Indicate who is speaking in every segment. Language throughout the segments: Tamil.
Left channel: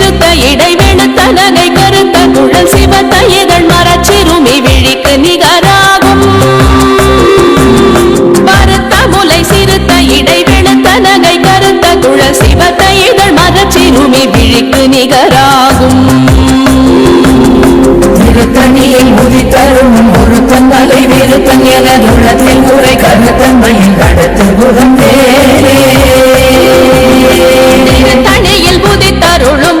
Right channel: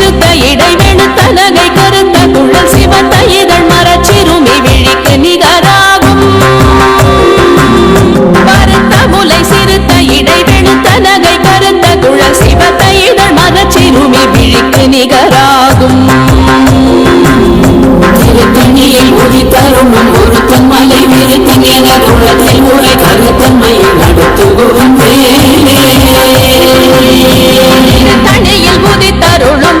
Speaker 1: சிறுத்த இடை வெளுத்த நகை கருத்த குழல் சிவத்த இதழ் மரச்சிறுமி விழிக்கு நிகராகும். பருத்த முலை சிறுத்த இடை வெளுத்த நகை கருத்த குழல் சிவத்த இதழ் மரச்சிறுமி விழிக்கு நிகராகும்.
Speaker 2: திருத்தணியில் உதித்தரும் ஒருத்தன் மலை விருத்தன் எனது உள்ளத்தில் உரை கருத்தன்மையில் நடத்து குகன் வேலே
Speaker 1: திருத்தணியில் உதித்தருளும்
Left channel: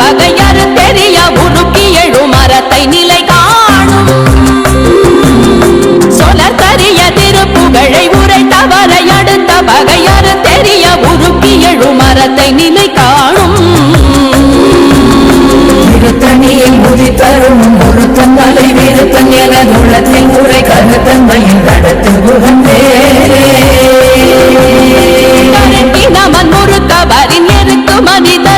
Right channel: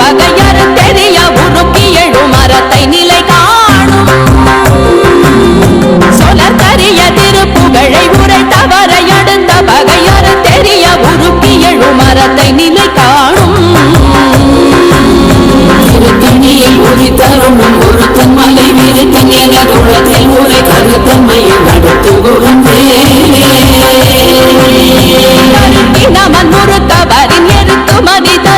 Speaker 1: பகையறு தெரிய உருக்கி எழு மரத்தை நிலை காணும். சொலர் கரிய திருப்புகழை உரை தவறை அடுத்த பகையறு தெரிய உருக்கி எழு மரத்தை நிலை காணும்.
Speaker 2: திருத்தணியில் உதித்தரும் ஒருத்தன் மலை விருத்தன் எனது உள்ளத்தில் உரை கருத்தன்மையில் நடத்து குகன் மண்
Speaker 1: கருக்கி முறுக்கவரின் எருக்கு மதித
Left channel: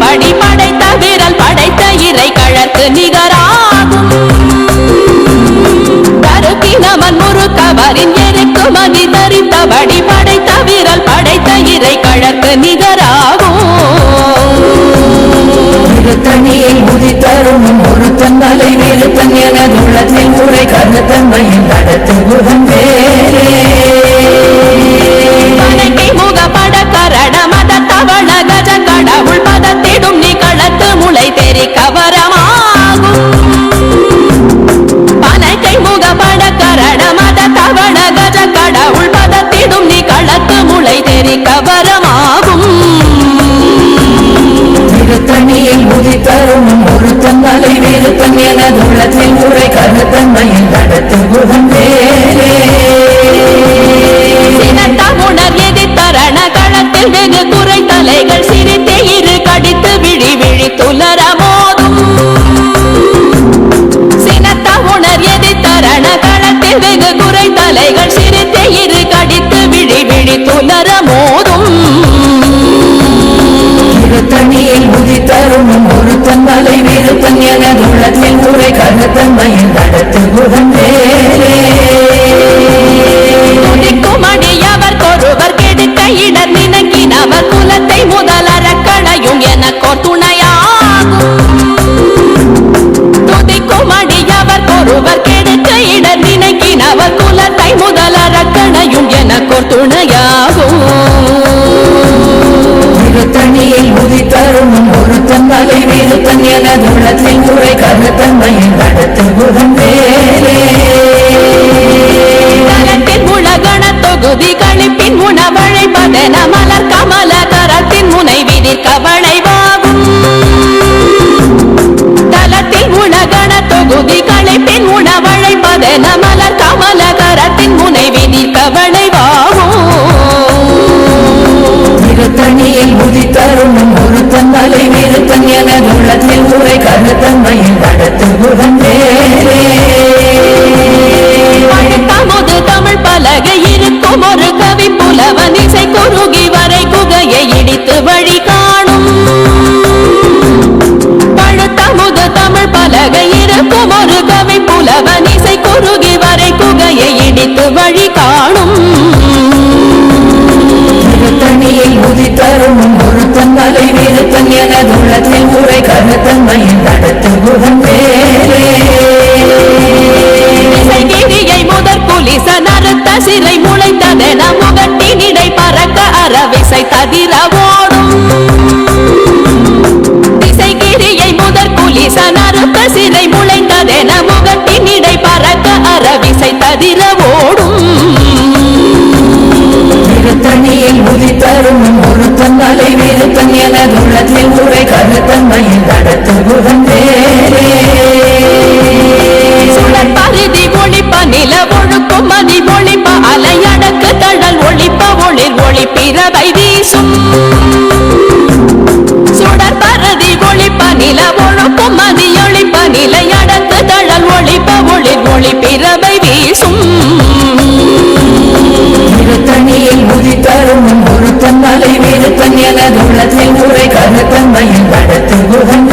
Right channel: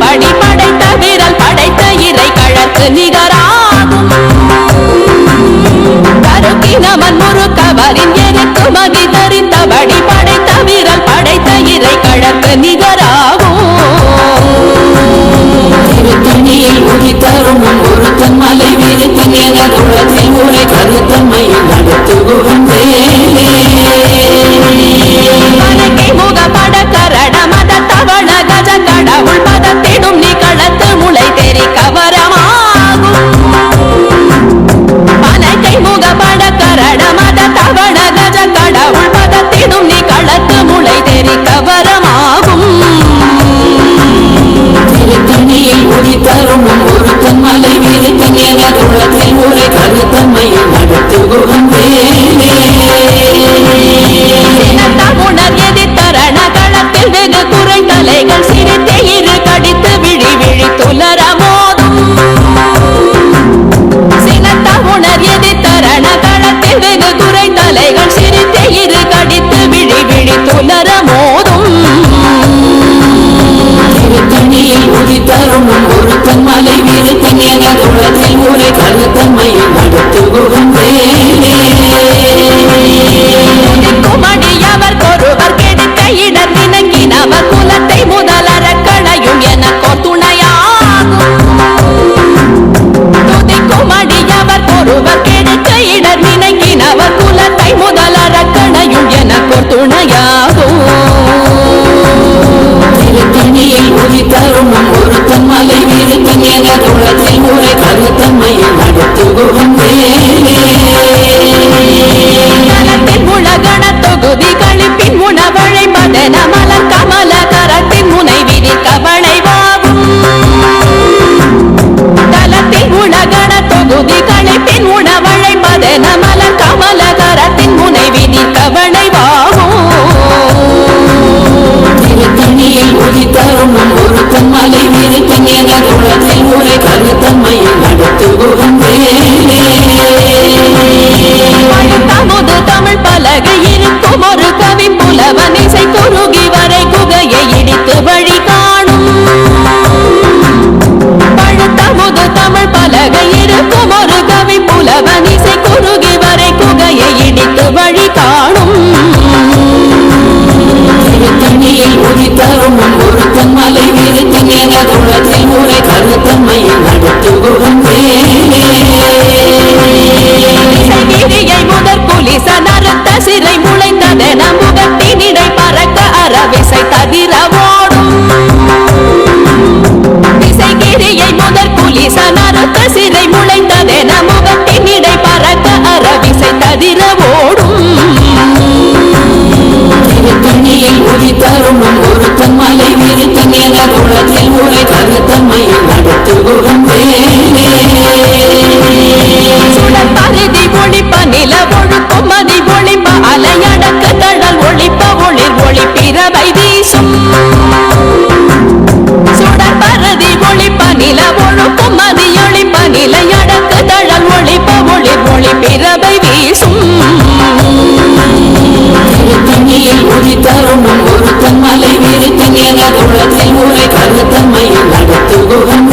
Speaker 1: தரித்தபடி படைத்த விரல் படைத்த இறை கழற்கு நிகராகும். கருக்கி நமன் முறுக்கவரின் எருக்கு மதி தரித்தபடி படைத்த விரல் படைத்த இறை கழற்கு நிகராகும்.
Speaker 2: திருத்தணியில் உதித்தரும் ஒருத்தன் மலை விருத்தன் எனது உள்ளத்தில் உரை கருத்தன்மையில் நடத்து குகன் வேலே
Speaker 1: பனக்கை முக கஜ கடவுள் பதத்திடும் நீ களத்து முளை தெரி கவரமாகும். பனக்கை முக பட கரட மத தவள கஜ கடவுள் பதத்திடும் நீ களத்து முளை தெரி கவரமாகும்.
Speaker 2: திருத்தணியில் உதித்தரும் ஒருத்தன் மலை விருத்தன் எனது உள்ளத்தில் உரை கருத்தன்மையில் நடத்து குகன் வேலே
Speaker 1: சினத்தமுணர் எதிர்த்தரண களத்தில் வெகு குறை தலைகள் சிரித்தே இரு கடித்து விழி விழி துலர மோதும். சினத்தமுணர் எதிர்த்தரண களத்தில் வெகு குறை தலைகள் சிரித்தே இரு கடித்து விழி விழி துலர மோதும்.
Speaker 2: திருத்தணியில் உதித்தரும் ஒருத்தன் மலை விருத்தன் எனது உள்ளத்தில் உரை கருத்தன்மையில் நடத்து வேலே
Speaker 1: துதிக்கும் அடியவர் கொருவர் கெடுக்க இடர் களையும் எனக்கோர் துணையாகும். துதிக்கும் அடியவர் கொருவர் கெடுக்க இடர் நினைக்கினவர் குலத்தை முதலற களையும் எனக்கோர் துணையாகும்.
Speaker 2: மலை உள்ளத்தில் உரை கருத்தன்மையில் நடத்து
Speaker 1: உலகண தொகுதி கழிப்பின் உணவழைப்பதென மலர் கமல முனை கவலைவாகும். தலத்தில் உலகண தொகுதி களைப்பின் உணவழைப்பதென மலர் கமலகரத்தின் முனைவி நீர் கவலைவாகும்.
Speaker 2: திருத்தணியில் உதித்தரும் ஒருத்தன் மலை விருத்தன் என உள்ளத்தில் உரை கருத்தன்மையில் நடத்து
Speaker 1: குகந்தேரே பலகை இருக்கும் ஒரு கவி புலவன் இசை குறுகி வரை குகையை இடித்து வழி காணும். பழுத்தமுது தமிழ் பலகை இருக்கும் ஒரு கவி புலவன் இசை குறுகி வரை குகையை இடித்து வழி காணும்.
Speaker 2: திருத்தணியில் உதித்தரும் ஒருத்தன் மலை தன் எனது உள்ளத்தில் உரை கருத்தன்மையில் நடத்து
Speaker 1: சிறை முளைத்ததென முகட்டினிடை பறக்க அறவிசை ததிர ஓடும் திசைகிரியை முதற் குலிச நறுத்த சிறை முளைத்ததென முகட்டினிடை பறக்க அறவிசை ததிர ஓடும்
Speaker 2: திருத்தணியில் உதித்தரும் ஒருத்தன் மலை விருத்தன் எனது உள்ளத்தில் உரை கருத்தன்மையில் நடத்துகுகன் வேலே
Speaker 1: சுடர் பருதி ஒளிப்ப நில ஒழுக்கும் மதி ஒளிப்ப அலையடக்கு தழல் ஒளிப்ப ஒளிர் ஒளி பிறவை வீசும். சுடர் பரதி ஒளிப்ப நில ஒழுக்கும் மதி ஒளிப்ப நிலையடக்கு தழல் ஒளிப்ப ஒளிர் ஒளி பிறவை வீசும்.
Speaker 2: திருத்தணியில் உதித்தரும் ஒருத்தன் மலை தன் எனது உள்ளத்தில் உரை கருத்தன்மையில்
Speaker 1: நடத்து குகன்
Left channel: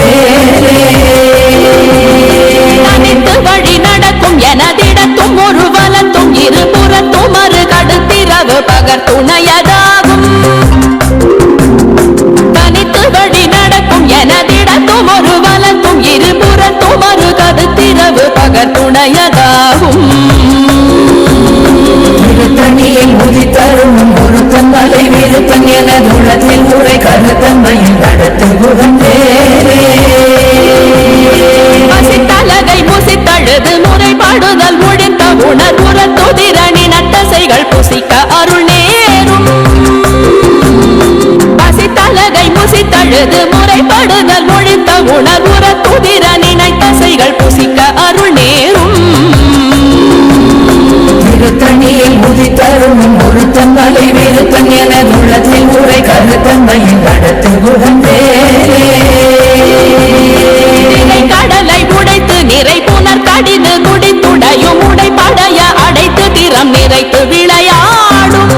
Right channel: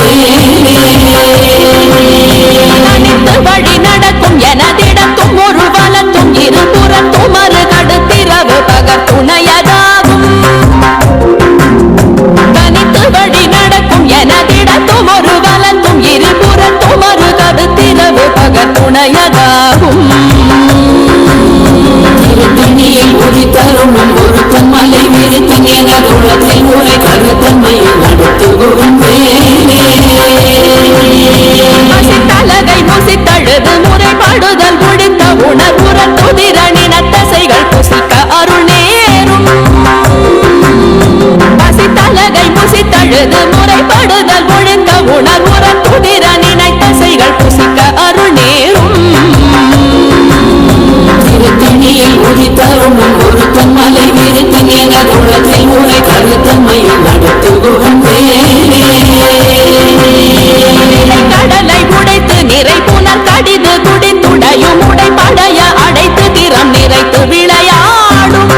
Speaker 1: இருபுறத்தும் மறு கடுத்திரவு பகர் துணையதாகும். தனித்து வழி நடக்கும் எனதிடத்தும் ஒரு வலத்தும் இருபுறத்தும் மறு கடுத்திரவு பகர் துணையதாகும்.
Speaker 2: விருத்தன் உரை கருத்தன்மையில்
Speaker 1: முசித்தழுது முறைப்பாடுதல் ஒழித்த உணர்வுற துதிரணினத்தசைகள் புசிக்க அருள் நேரும். பசித்தலகை முசித்தழுது முறைப்படுதல் ஒழித்த உணர்வுற துதிர நினைத்தசைகள் புசிக்க அருள் நேரும்.
Speaker 2: திருத்தணியில் உதித்தரும் ஒருத்தன் மலை விருத்தன் உள்ளத்தில் உரை கருத்தன்மையில் நடத்துகுகன் வேலே
Speaker 1: திரை கடலை உடைத்து நிறை புனர் கடிது குடித்துடையும் திறம் நிறைத்து விளையாடும்.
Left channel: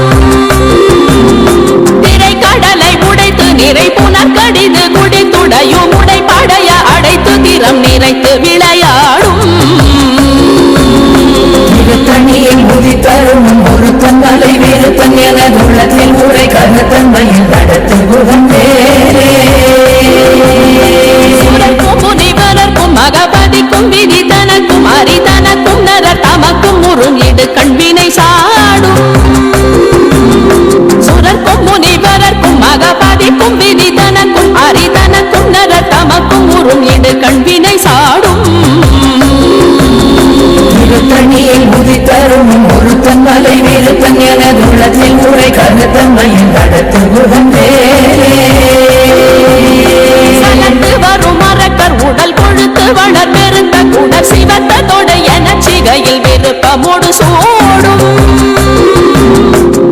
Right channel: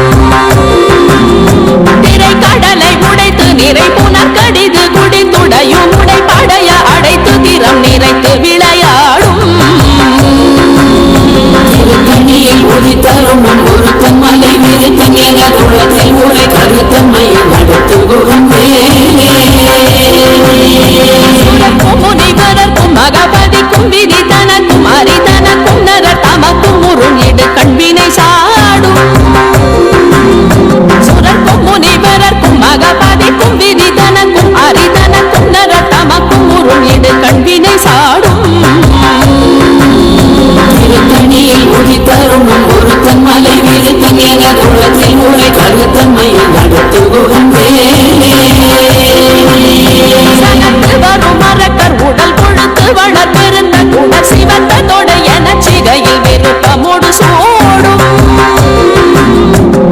Speaker 1: திரை கடலை உடைத்து நிறை புனர் கடிது குடித்துடையும் உடைப்படைய அடைத்து திறம் நிறைத்து விளையாடும்.
Speaker 2: ஒருத்தன் மலை விருத்தன் எனது உரை கருத்தன்மையில்
Speaker 1: முனிவரர்க்கும் மகபதிக்கும் விதி இடு கண்வினை சாடும். சுரர்க்கும் முனிவரர்க்கும் மகபதிக்கும் விதி தனக்கும் அரிதனக்கும் நரர் தமக்கும் முறும் இடு கண்வினை சாடும்.
Speaker 2: திருத்தணியில் உதித்தரும் ஒருத்தன் மலை விருத்தன் எனது உள்ளத்தில் உரை கருத்தன்மையில் நடத்துகுகன் வேலே
Speaker 1: சலத்து வரும் மரக்கர் உடல் கொழுத்து வளர் பெருத்த குடர் சிவத்த தொட என சிகையில் விருப்பமோடு சூடும்.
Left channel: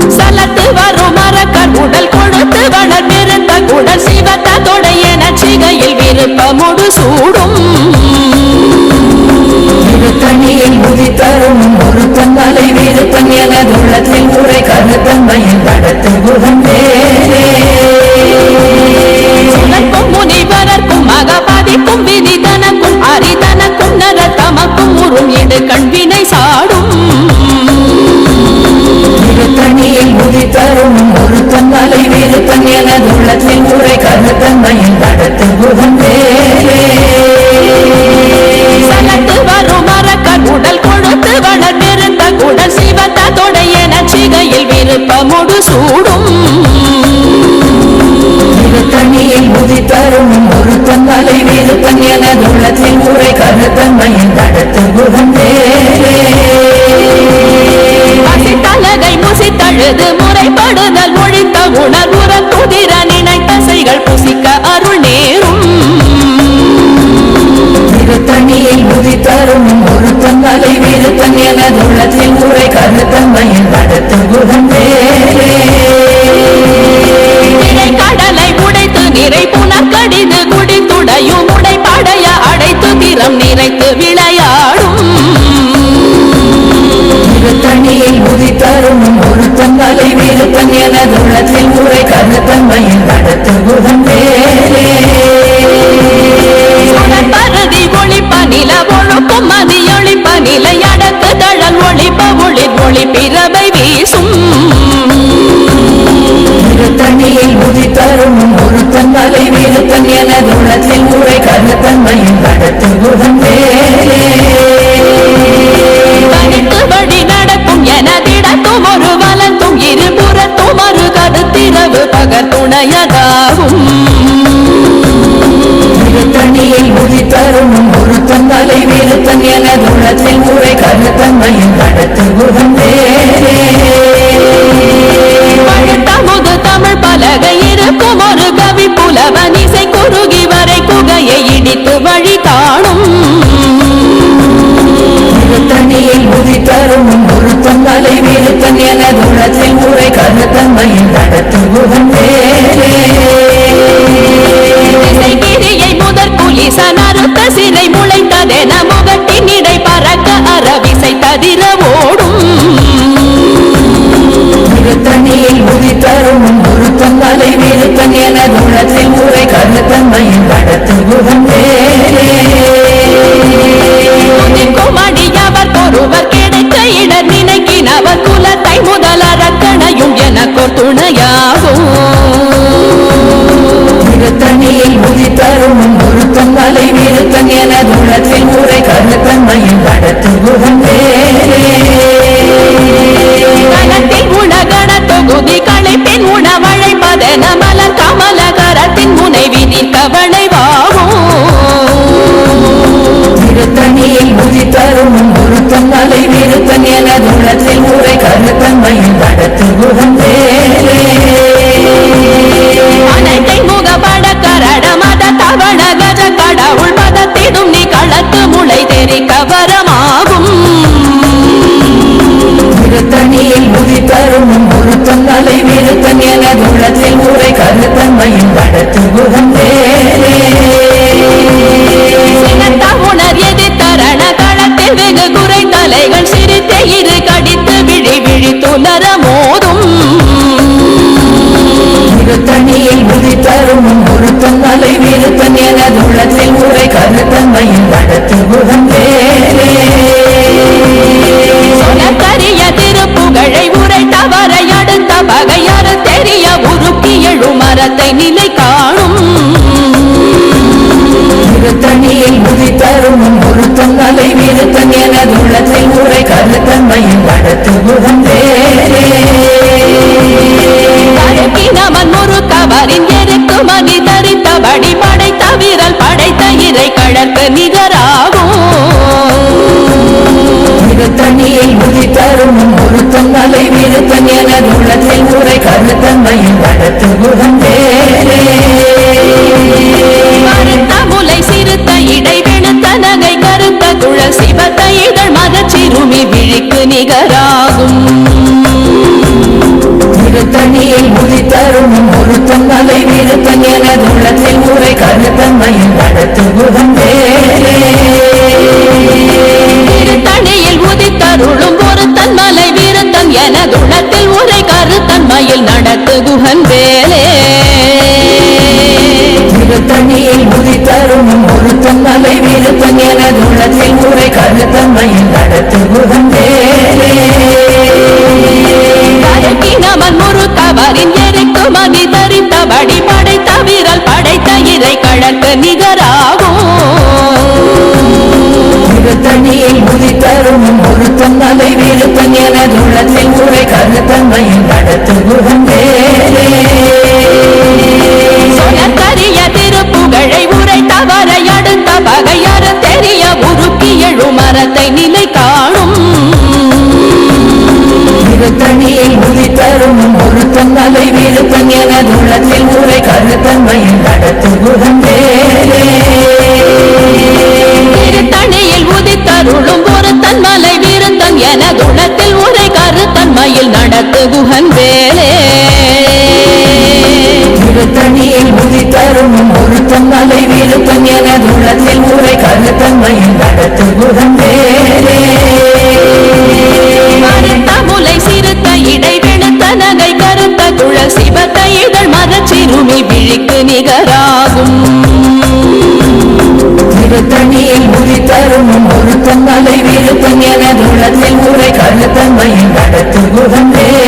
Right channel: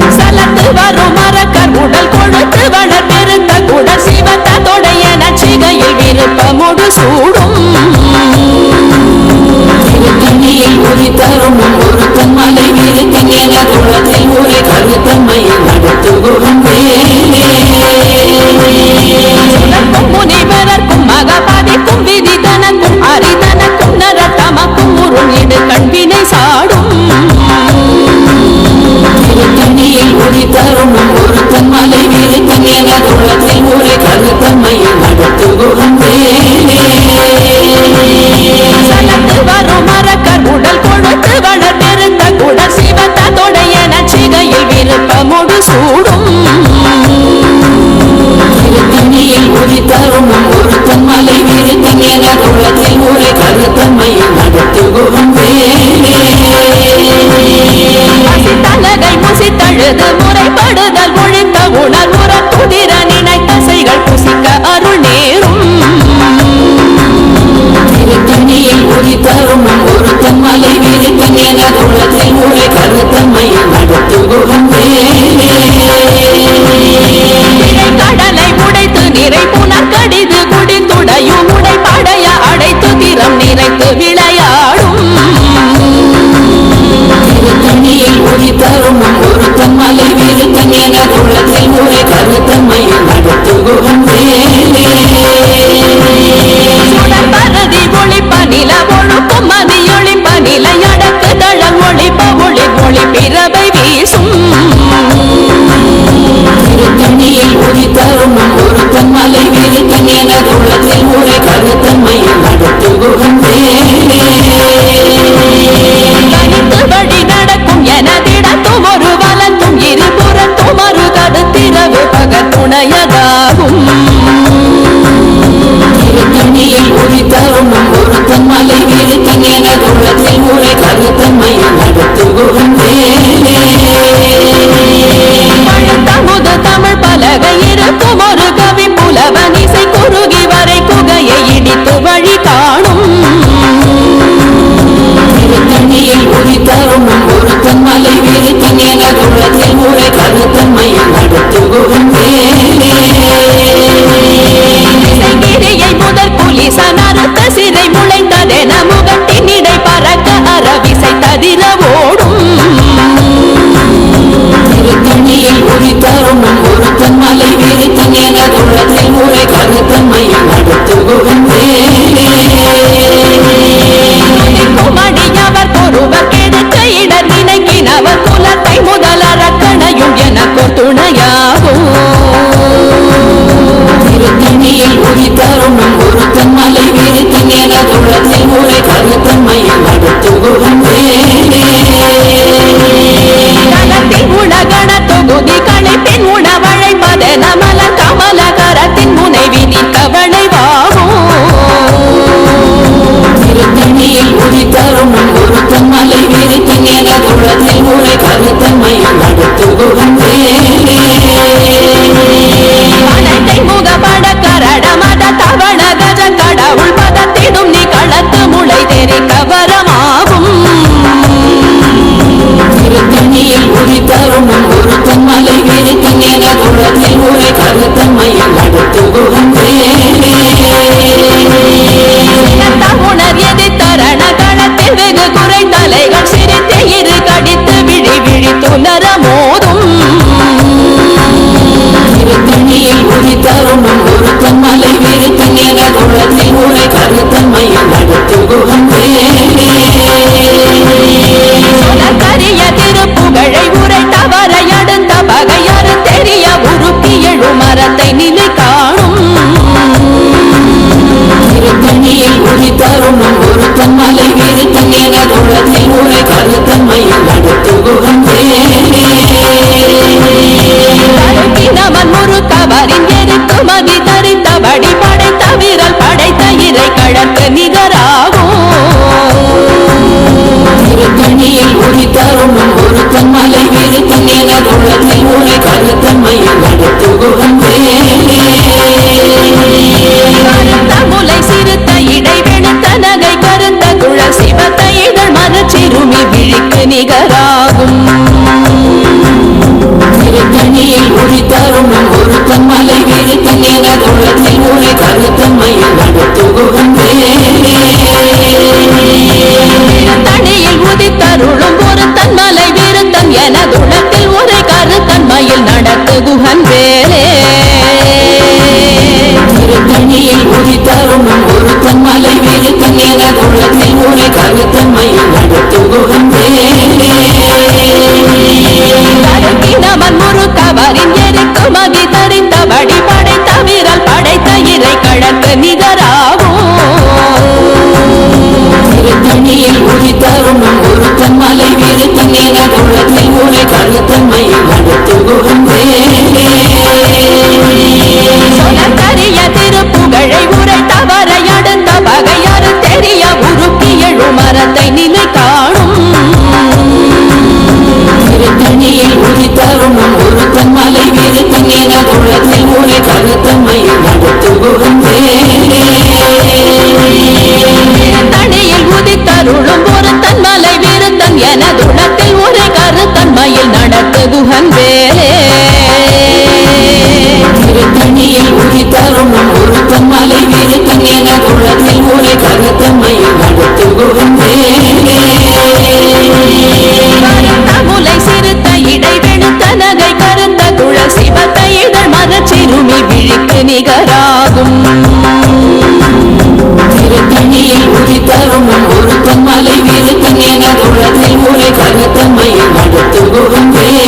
Speaker 1: சலத்து வரும் மரக்கர் உடல் கொழுத்து வளர் பெருத்த குடல் சிவத்த தொட என விருப்பமோடு சூடும்.
Speaker 2: தண்ணியில் உதித்தரும் ஒரு ஒருத்தன் மலை தன் என உள்ளத்தை உரை கருத்தன்மையில் நடத்துகுகன் வேலே
Speaker 1: மகபாதிக்கும் விதி தனக்கும் அரிதனக்கும் நர தமக்கும் உறும் இடு கண்வினை சாடும்.
Speaker 2: திருத்தணியில் உதித்தரும் ஒருத்தன் மலை விருத்தன் எனது உள்ளத்தில் உரை கருத்தன்மையில் நடத்துகுகன் வேலே
Speaker 1: சலத்து வரும் மரக்கர் உடல் கொழுத்து வளர் பெருத்த குடர் சிவத்த தொடைய நச்சிகையில் விருப்பமுடு சூடும்.
Speaker 2: விருத்தன் எனது உள்ளத்தில் உரை கருத்தன்மையில் நடத்துகுகன் வேலே
Speaker 1: பசித்தலகை முசித்தழுது முறைப்படுதல் ஒழித்த உணர்வுற துதிர நினைத்தசைகள் புசிக்க அருள் நேரும்.
Speaker 2: திருத்தணியில் உதித்தரும் ஒருத்தன் மலை விருத்தன் எனது உள்ளத்தில் உரை கருத்தன்மையில்
Speaker 1: திரை கடலை உடைத்து நிறை புனர் கடிது குடித்துடையும் உடைப்படைய அடைத்து திறம் நிறைத்து விளையாடும்.
Speaker 2: திருத்தணியில் உதித்தரும் ஒருத்தன் மலை விருத்தன் உரை வேலே
Speaker 1: பருதி ஒளிப்ப நில ஒழுக்கும் மதி ஒளிப்ப நிலையடக்கு தழல் ஒளிப்ப ஒளிர் ஒளி பிறவை வீசும்.
Speaker 2: மலை விருத்தன் எனது உள்ளத்தில் உரை கருத்தன்மையில் நடத்துகுகன் வேலே
Speaker 1: தனித்து வழி நடக்கும் எனதிடத்தும் ஒரு வலத்தும் இருபுறத்தும் மறு கருத்திரவு பகர் துணையதாகும்
Speaker 2: திருத்தணியில் உதித்தரும் ஒருத்தன் மலை விருத்தன் எனது உள்ளத்தில் உரை கருத்தன்மையில் நடத்துகுகன் வேலே
Speaker 1: பழுத்தமுது தமிழ் பலகை இருக்கும் ஒரு கவி புலவன் இசை குறுகி வரை குகையை இடித்து வழி காணும்.
Speaker 2: தண்ணியில் உதித்தரும் ஒருத்தன் மலை வீருத்தன் எனது உள்ளத்தை உரை கருத்தன்மையில் நடத்துகுகன் வேலே
Speaker 1: திசைகிரியை முதற் குலிசன் அறுத்த சிறை முளைத்ததென முகட்டின் இடை பறக்க அறவிசை ததிர ஓடும்.
Speaker 2: தண்ணியில் உதித்தரும் ஒருத்தன் மலை வீருத்தன் எனது உள்ளத்தை உரை கருத்தன்மையில் வேலே
Speaker 1: துதிக்கும் அடியவர் ஒருவர் கெடுக்க இடர் நினைக்கினவர் குலத்தை முதல் அரக்கணையும் எனக்கோர் துணையாகும்.
Speaker 2: தண்ணியில் உதித்தரும் ஒருத்தன் மலை வீருத்தன் எனது உள்ளத்தை உரை கருத்தன்மையில் நடத்துகுகன் வேலே
Speaker 1: தொகுதி களைப்பின் உணவழைப்பதென மலர் கமலகரத்தின் முனைவி நிற்க வளைவாகும்
Speaker 2: தண்ணியில் உதித்தரும் ஒருத்தன் மலை வீருத்தன் எனது உள்ளத்தில் உரை கருத்தன்மையில் நடத்துகுகன் வேலே
Speaker 1: அனைத்தை முகப்பட கரட மத தவண கஜ கடவுள் பதத்திடும் நீ களத்து முளை தெரிக்க வரமாகும்
Speaker 2: கருத்தன்மையில் நடத்துகுகன்
Speaker 1: சினத்த உணர் எதிர்த்தரண களத்தில் வெகு குறை தலைகள் சிரித்து இரு கடித்து விழி விழி துலர மோதும்.
Speaker 2: தண்ணியில் உதித்தரும் ஒருத்தன் மலை உரை கருத்தன்மையில்
Speaker 1: உருக்கி எழும் மரத்தை நிலை காணும்.
Speaker 2: தண்ணியில் உதித்தரும் ஒருத்தன் மலை வீருத்தன் எனது உள்ளத்தில் உரை கருத்தன்மையில் வேலே
Speaker 1: கருக்கினவன் முறுக்கவரின் எருக்கு மதி தரித்தபடி படைத்த வீரல் படைத்த இறை கழற்கு நிகராகும்.
Speaker 2: தண்ணியில் உதித்தரும் ஒருத்தன் மலை வீருத்தன் உள்ளத்தில் உரை கருத்தன்மையில் நடத்துகுகன் வேலே
Speaker 1: கருத்த முலை சிறுத்த இடை வெளுத்த நகை கருத்த குழல் சிவத்த இதழ் மரச்சிறுமி விழிக்கு நிகராகும்.
Speaker 2: தண்ணியில் உதித்தரும் ஒருத்தன் மலை வீருத்தன் எனது உள்ளத்தில் உரை கருத்தன்மையில் நடத்துகுகன் வேலே
Speaker 1: திருத்தணியில் உதித்தருளும் ஒரு தன்மலை வீரத்தன் எனதுளத்தில் உரை கருத்தன்மையில் நடத்து குகன் வேலே.
Speaker 2: தண்ணியில் உதித்தரும் ஒருத்தன் மலை வீருத்தன் எனது உள்ளத்தில் உரை கருத்தன்மையில் நடத்துகுகன் வேலே.
Speaker 1: கருக்கினவன் முறுக்கவரின் எருக்கு மதி தரித்தபடி படைத்த வீரல் படைத்த இறை கழற்கு நிகராகும்
Speaker 2: உரை கருத்தன்மையில் நடத்துகுகன் வேலே
Speaker 1: சொலக்கரிய திருப்புகழை உரை தவறை அடுத்த பகையறு தெரிய உருக்கி எழும் மரத்தை நிலை காணும்.
Speaker 2: தண்ணியில் உதித்தரும் ஒருத்தன் மலை வீருத்தன் எனது உள்ளத்தில் உரை கருத்தன்மையில் நடத்துகுகன் வேலே
Speaker 1: திருத்தணியில் உதித்தருளும் ஒரு தன்மலை வீரத்தன் எனதுளத்தில் உரை கருத்தன்மையில் நடத்து குகன் வேலே.
Speaker 2: தண்ணியில் உதித்தரும் ஒருத்தன் மலை வீருத்தன் எனது உள்ளத்தில் உரை கருத்தன்மையில் நடத்துகுகன் வேலே.
Speaker 1: கருத்த முலை சிறுத்த இடை வெளுத்த நகை கருத்த குழல் சிவத்த இதழ் மரச்சிறுமி விழிக்கு நிகராகும்.
Speaker 2: தண்ணியில் உதித்தரும் ஒருத்தன் மலை வீருத்தன் எனது உள்ளத்தில் உரை கருத்தன்மையில் நடத்துகுகன் வேலே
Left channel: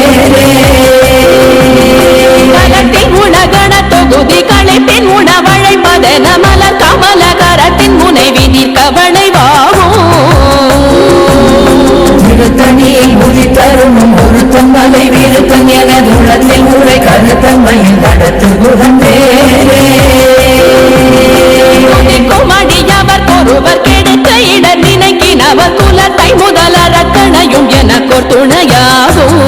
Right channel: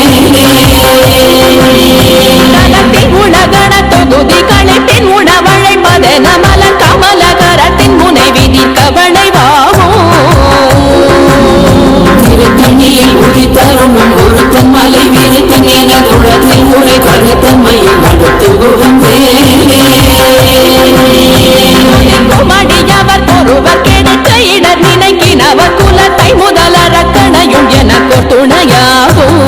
Speaker 1: கலத்தில் உலகண தொகுதி களைப்பின் உணவழைப்பதென மலர் கமலகரத்தின் முனைவி நிற்க வளைவாகும்
Speaker 2: தண்ணியில் உதித்தரும் ஒருத்தன் மலை வீருத்தன் எனது உள்ளத்தில் உரை கருத்தன்மையில் நடத்துகுகன் வேலே
Speaker 1: மடியவர் அடியவர் ஒருவர் கெடுக்க இடர் நினைக்கினவர் குலத்தை முதல் அரக்கணையும் எனக்கோர் துணையாகும்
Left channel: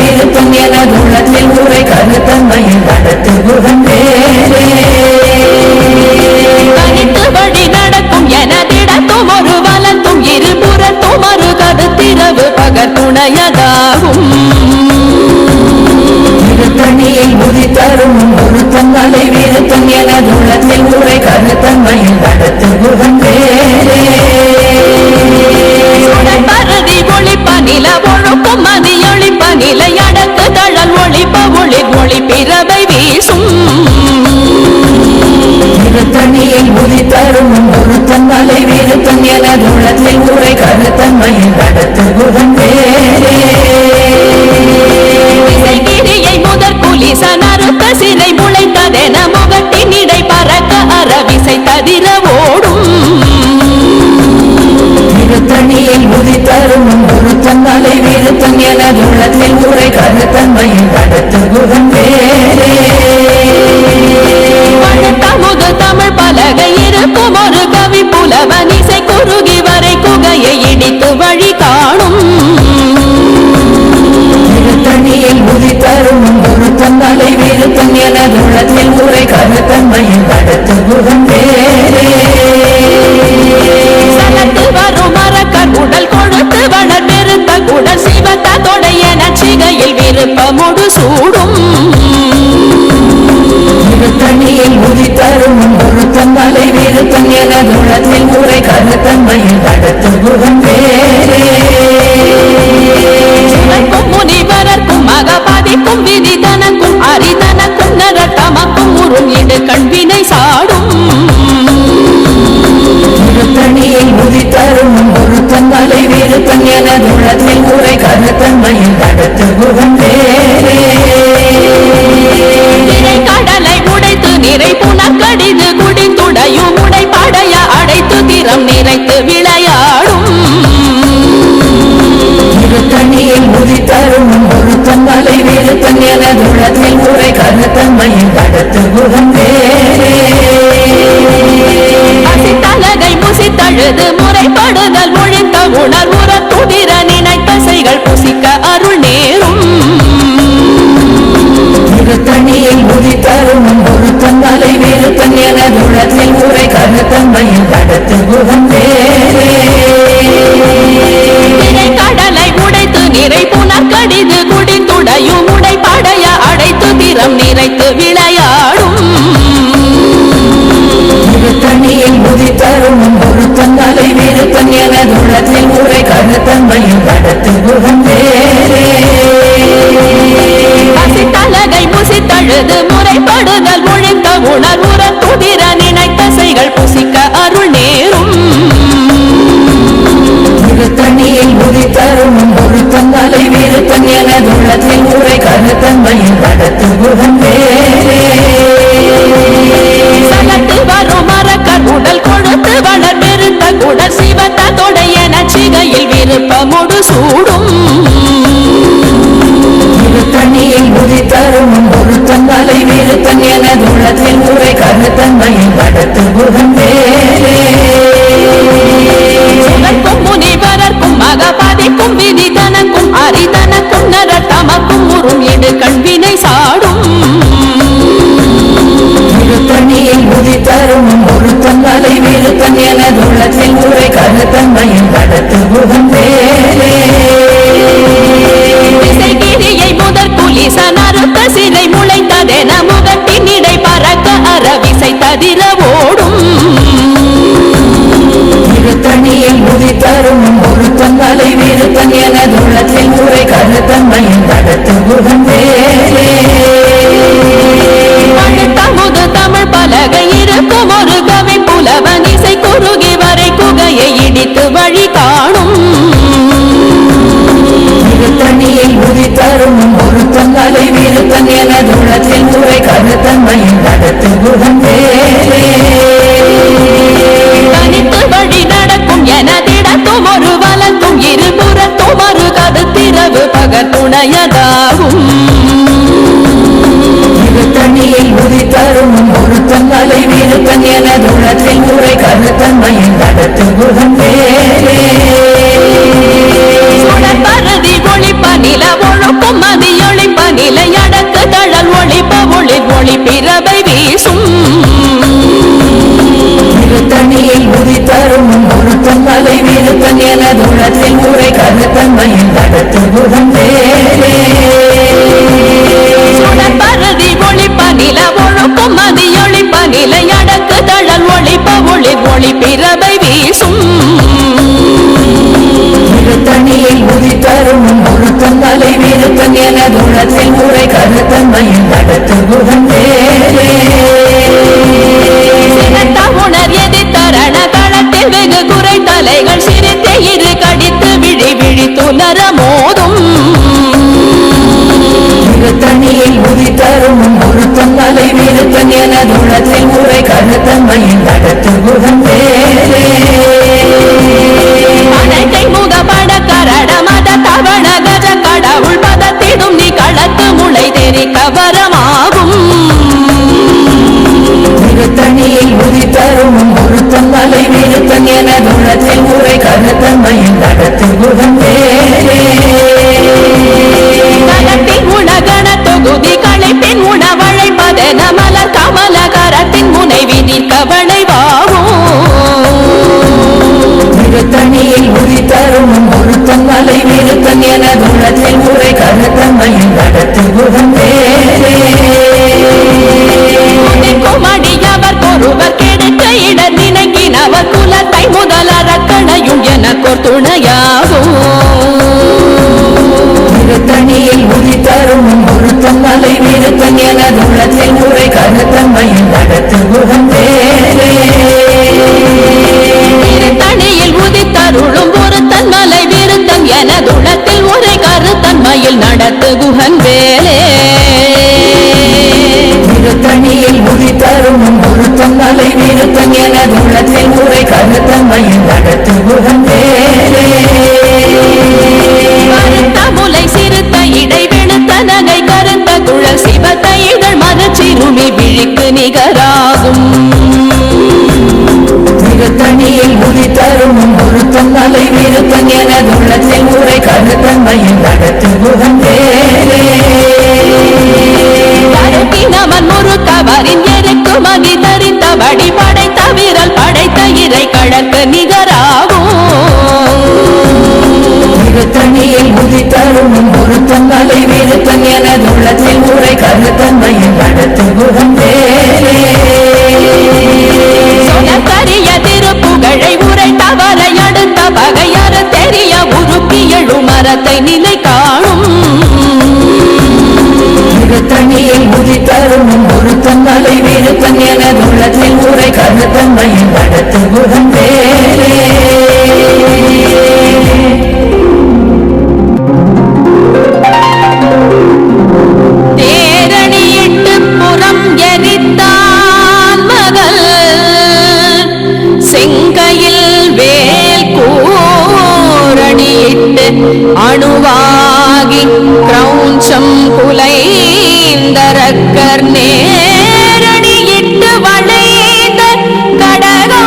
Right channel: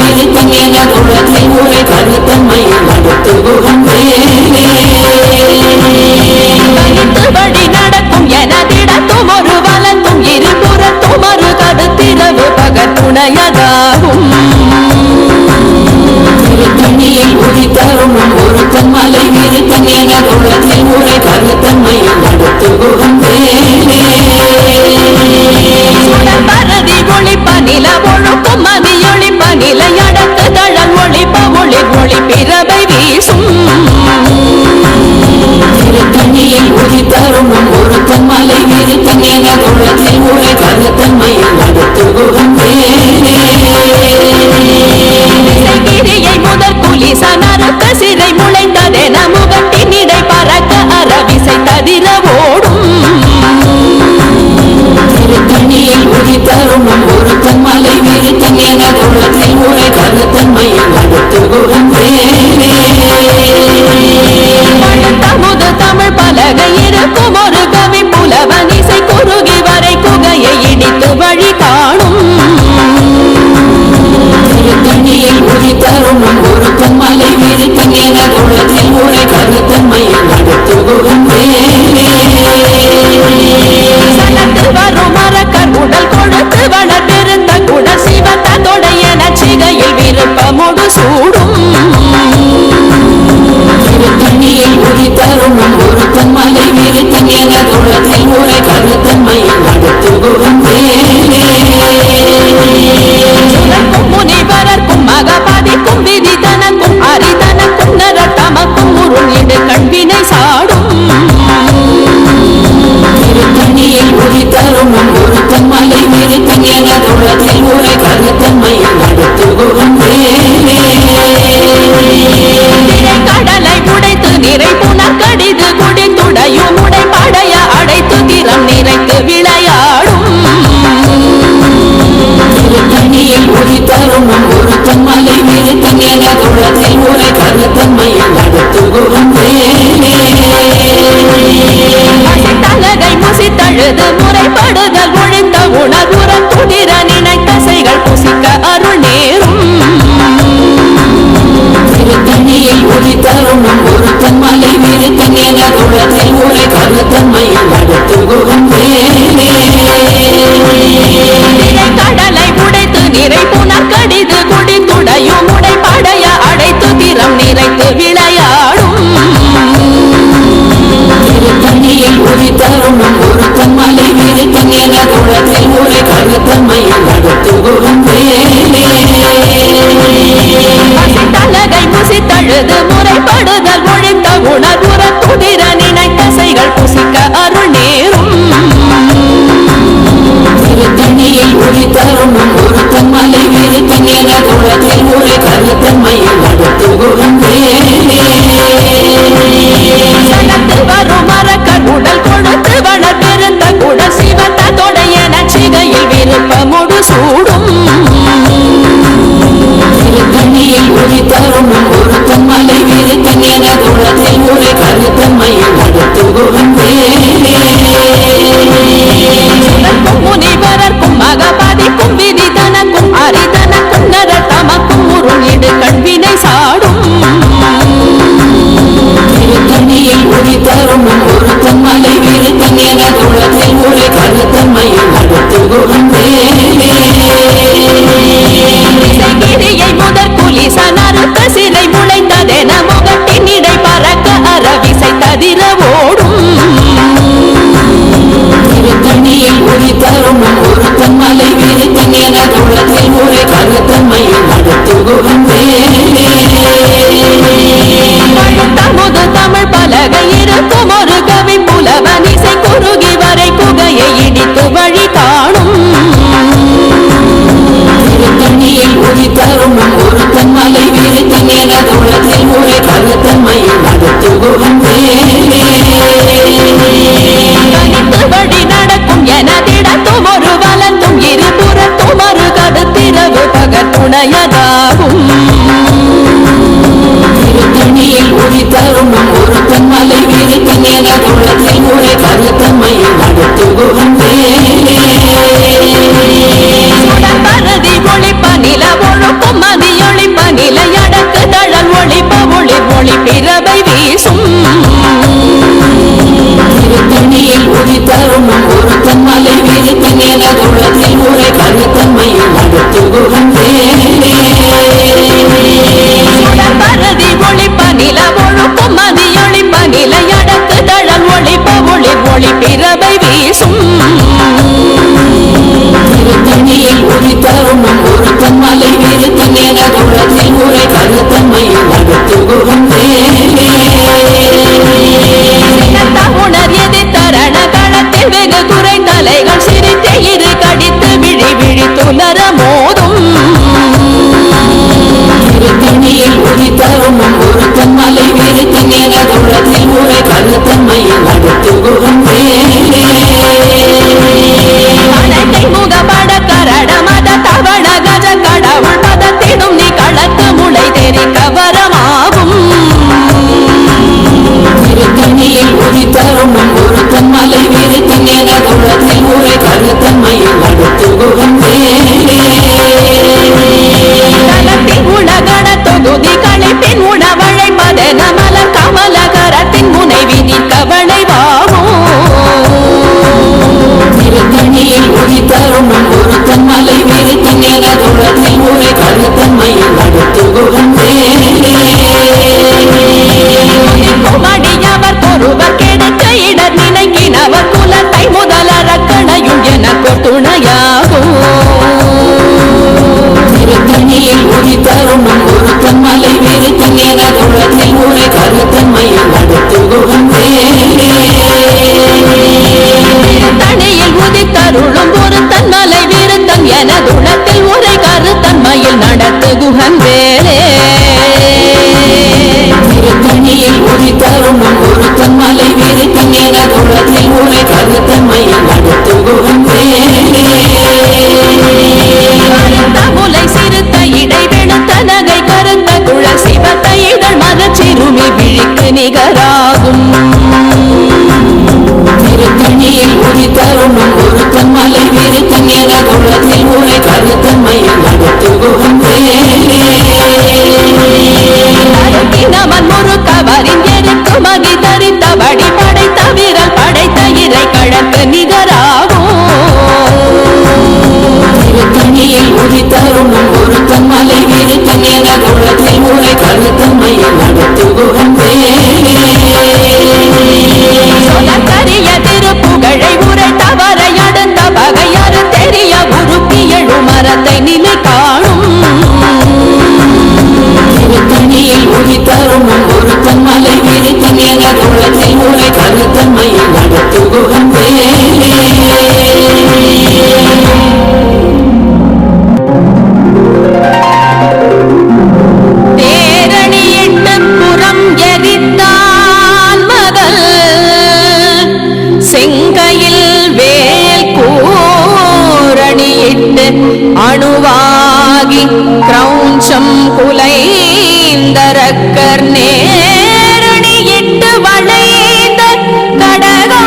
Speaker 2: ஒருத்தன் என உள்ளத்தை உரை கருத்தன்மையில் நடத்துகுகன் வேலே
Speaker 1: தனித்து வழி நடக்கும் எனதிடத்தும் ஒரு வலத்தும் இருபுறத்தும் ஒரு கருத்திரவு பகத்துணையதாகும்
Speaker 2: திருத்தணியில் உதித்தரும் ஒருத்தன் மலை விருத்தன் என உள்ளத்தை உரை கருத்தன்மையில் நடத்துகுகன் வேலே
Speaker 1: வேறே ஒளிப்ப நில ஒழுக்கும் மதி ஒளிப்ப நிலை அடக்கு தழல் ஒளிப்ப ஒளி ஒளி பிறவை வீசும்.
Speaker 2: திருத்தணியில் உதித்தரும் ஒருத்தன் மலை விருத்தன் என குணத்தில் உரை கருத்தன்மையில் நடத்துகுகன் வேலே
Speaker 1: திசைகிரியை முதற் குலிச நறுத்த சிறை முளைத்ததென முகட்டின் இடை பறக்க அறவிசை ததிர ஓடும்.
Speaker 2: திருத்தணியில் உதித்தரும் ஒருத்தன் மலை விருத்தன் எனது உள்ளத்தில் உரை கருத்தன்மையில் நடத்துகுகன் வேலே
Speaker 1: தமிழ் பலகை இருக்கும் ஒரு கவி புலவன் இசை குறுகி வரை குகையை இடித்து வழி காணும்
Speaker 2: உரை கருத்தன்மையில் வேலே
Speaker 1: சலத்து வரும் மரக்கர் உடல் கொடுத்து வளர்வே பெருத்த குடல் சிவத்த தொடைய நச்சிகையில் விருப்பமுடு சூடும்.
Speaker 2: திருத்தணியில் உதித்தரும் ஒருத்தன் மலை விருத்தன் என குணத்தில் உரை கருத்தன்மையில் நடத்துகுகன் வேலே
Speaker 1: சுதற்கும் முனிவரர்க்கும் மகபாதிக்கும் விதி தனக்கும் அரிதனக்கும் நர தமக்கும் உறும் இடு கண்வினை சாடும்.
Speaker 2: ஒருத்தன் மலை விருத்தன் என குணத்தில் உரை கருத்தன்மையில்
Speaker 1: திரை கடலை உடைத்து நிறை புனர் கடிது குடித்துடையும் உடை படைய அடைத்து திறம் நிறைத்து விளையாடும்.
Speaker 2: திருத்தணியில் உதித்தரும் ஒருத்தன் மலை விருத்தன் என குணத்தில் உரை கருத்தன்மையில் நடத்துகுகன் வேலே
Speaker 1: பசித்தலகை முசித்தழுது முறைப்படுதல் ஒழித்த உணர்வுற துதிர நினைத்தசைகள் புசிக்க அருள் நேரும்.
Speaker 2: ஒருத்தன் மலை விருத்தன் உரை கருத்தன்மையில்
Speaker 1: கடலை உடைத்து நிறை புனர் கடிது குடித்துடையும் உடை படைய அடைத்து திறம் நிறைத்து விளையாடும்.
Speaker 2: திருத்தணியில் உதித்தரும் ஒருத்தன் மலை விருத்தன் என குணத்தில் உரை
Speaker 1: பசித்தலகை முசித்தழுது முறைப்படுதல் ஒழித்த உணர்வுற துதிர நினைத்தசைகள் புசிக்க அருள் நேரும்.
Speaker 2: திருத்தணியில் உதித்தரும் ஒருத்தன் மலை விருத்தன் என குணத்தில் உரை கருத்தன்மையில் நடத்துகுகன் வேலே
Speaker 1: விருப்பமுடு சூடும்.
Speaker 2: திருத்தணியில் உதித்தரும் ஒருத்தன் மலை விருத்தன் என குணத்தில் உரை கருத்தன்மையில் வேலே
Speaker 1: சுடர்க்கும் முனிவரர்க்கும் மகபாதிக்கும் விதி தனக்கும் அரிதனக்கும் நர தமக்கும் உறும் இடு கண்வினை சாடும்.
Speaker 2: திருத்தணியில் உதித்தரும் ஒருத்தன் மலை விருத்தன் என குணத்தில் உரை கருத்தன்மையில் நடத்துகுகன் வேலே
Speaker 1: திசைகிரியை முதற் குலிச நறுத்த சிறை முளைத்ததென முகட்டின் இடை பறக்க அறவிசை ததிர ஓடும்.
Speaker 2: திருத்தணியில் உதித்தரும் ஒருத்தன் மலை விருத்தன் என குணத்தில் உரை வேலே
Speaker 1: பழுத்தமுது தமிழ் பலகை இருக்கும் ஒரு கவி புலவன் இசை குறுகி வரை குகையை இடித்து வழி காணும்.
Speaker 2: தண்ணியில் உதி தருமம் ஒருத்தன் மலை விருத்தன் எனது உளத்தில் உரை கருத்தன்மையில் நடத்து குகந்தே தனித்து வழி நடக்கும்
Speaker 1: எனதிடத்தும் ஒரு வலத்தும் இருபுறத்தும் ஒரு கருத்திரவு பகத்துணையதாகும் தண்ணியில்
Speaker 2: திருத்தணியில் உதித்தருணும் ஒருத்தன் மலை விருத்தன் எனதுள்ளத்தில் உரை கருத்தன்மையில் நடத்துகுகன்
Speaker 1: சுடர் பரதி ஒளிப்ப நில ஒழுக்கும் மதியொளிப்ப நிலை அடக்கு தழல் ஒளிப்ப ஒளி ஒளி பிறவை வீசும்.
Speaker 2: திருத்தணியில் உதித்தருணும் ஒருத்தன் மலை விருத்தன் எனதுள்ளத்தில் உரை கருத்தன்மையில் நடத்துகுகன்
Speaker 1: சுடர் பரதி ஒளிப்ப நில ஒழுக்கும் மதியொளிப்ப நிலை அடக்கு தழல் ஒளிப்ப ஒளி ஒளி பிறவை வீசும்.
Speaker 2: உரை கருத்தன்மையில்
Speaker 1: சினத்த உணர் எதி தரண களத்தில் வெகு குறை தலைகள் சிரித்தே இரு கடித்து விழி விழி துலர மோதும்.
Speaker 2: விருத்தன் எனதுள்ளத்தில் உரை கருத்தன்மையில் நடத்துகுகன்
Speaker 1: அனைத்தை முகப்பட கரட மத தவண கஜ கடவுள் பதத்திடும் நீ களத்து முளை தெரி கவரமாகும்.
Speaker 2: திருத்தணியில் உதித்தருணும் ஒருத்தன் மலை விருத்தன் எனதுள்ளத்தில் உரை கருத்தன்மையில் நடத்துகுகன்
Speaker 1: கலத்தின் உணகண தொகுதி கரத்தின் முனைவி நிற்கவளை
Speaker 2: திருத்தணியில் உதித்தருணும் ஒருத்தன் மலை விருத்தன் எனதுள்ளத்தில் உரை கருத்தன்மையில் நடத்துகுகன்
Speaker 1: துதிக்கும் அடியவர் ஒருவர் கெடுக்க இடர் நினைக்கினவர் குலத்தை முதலறக்கணையும் எனக்கோர் துணையாகும்.
Speaker 2: திருத்தணியில் உதித்தருணும் ஒருத்தன் மலை விருத்தன் எனதுள்ளத்தில் உரை கருத்தன்மையில் நடத்துகுகன்
Speaker 1: திருத்தணியில் உதித்தருளும் ஒருத்தன் மலை விருத்தன் எனதுளத்தில் உரை கருத்தன்மையில் நடத்து குகன் வேலே.
Speaker 2: திருத்தணியில் உதித்தருணும் ஒருத்தன் மலை விருத்தன் எனதுள்ளத்தில் உரை கருத்தன்மையில் நடத்துகுகன்
Speaker 1: கருத்த முலை சிறுத்த இடை வெளுத்த நகை கருத்த குழல் சிவத்த இதழ் மரச்சிறுமி விழிக்கு நிகராகும்.
Speaker 2: திருத்தணியில் உதித்தருணும் ஒருத்தன் மலை விருத்தன் எனதுள்ளத்தில் உரை கருத்தன்மையில் நடத்துகுகன்
Speaker 1: தருக்கி நமன் முறுக்கவரின் எருக்கு மகி தரித்த வடி படைத்த விரல் படைத்த இறை கழற்கு நிகராகும்.
Speaker 2: உதித்தருணும் ஒருத்தன் மலை விருத்தன் எனதுள்ளத்தில் உரை கருத்தன்மையில் நடத்துகுகன்
Speaker 1: சொலக்கரிய திருப்புகழை உரைத்தவரை அடுத்த பகையறு தெரிய உருக்கி எழு மரத்தை நிலை காணும்.
Speaker 2: திருத்தணியில் உதித்தருணும் ஒருத்தன் மலை விருத்தன் எனதுள்ளத்தில் உரை கருத்தன்மையில் நடத்துகுகன்
Speaker 1: தேரணியிட்டு அணுவாகி கிரௌஞ்சம் குலைந்தரக்கர் நேரணியிட்டு வளைந்த கடகோ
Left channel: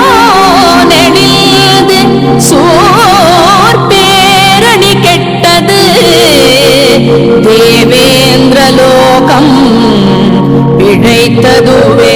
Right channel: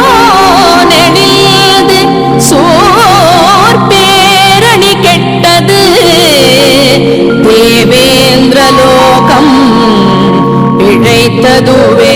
Speaker 1: நெளிந்து சோர் பேரணி கெட்டது. தேவேந்திரலோகம் பிழைத்ததுவே.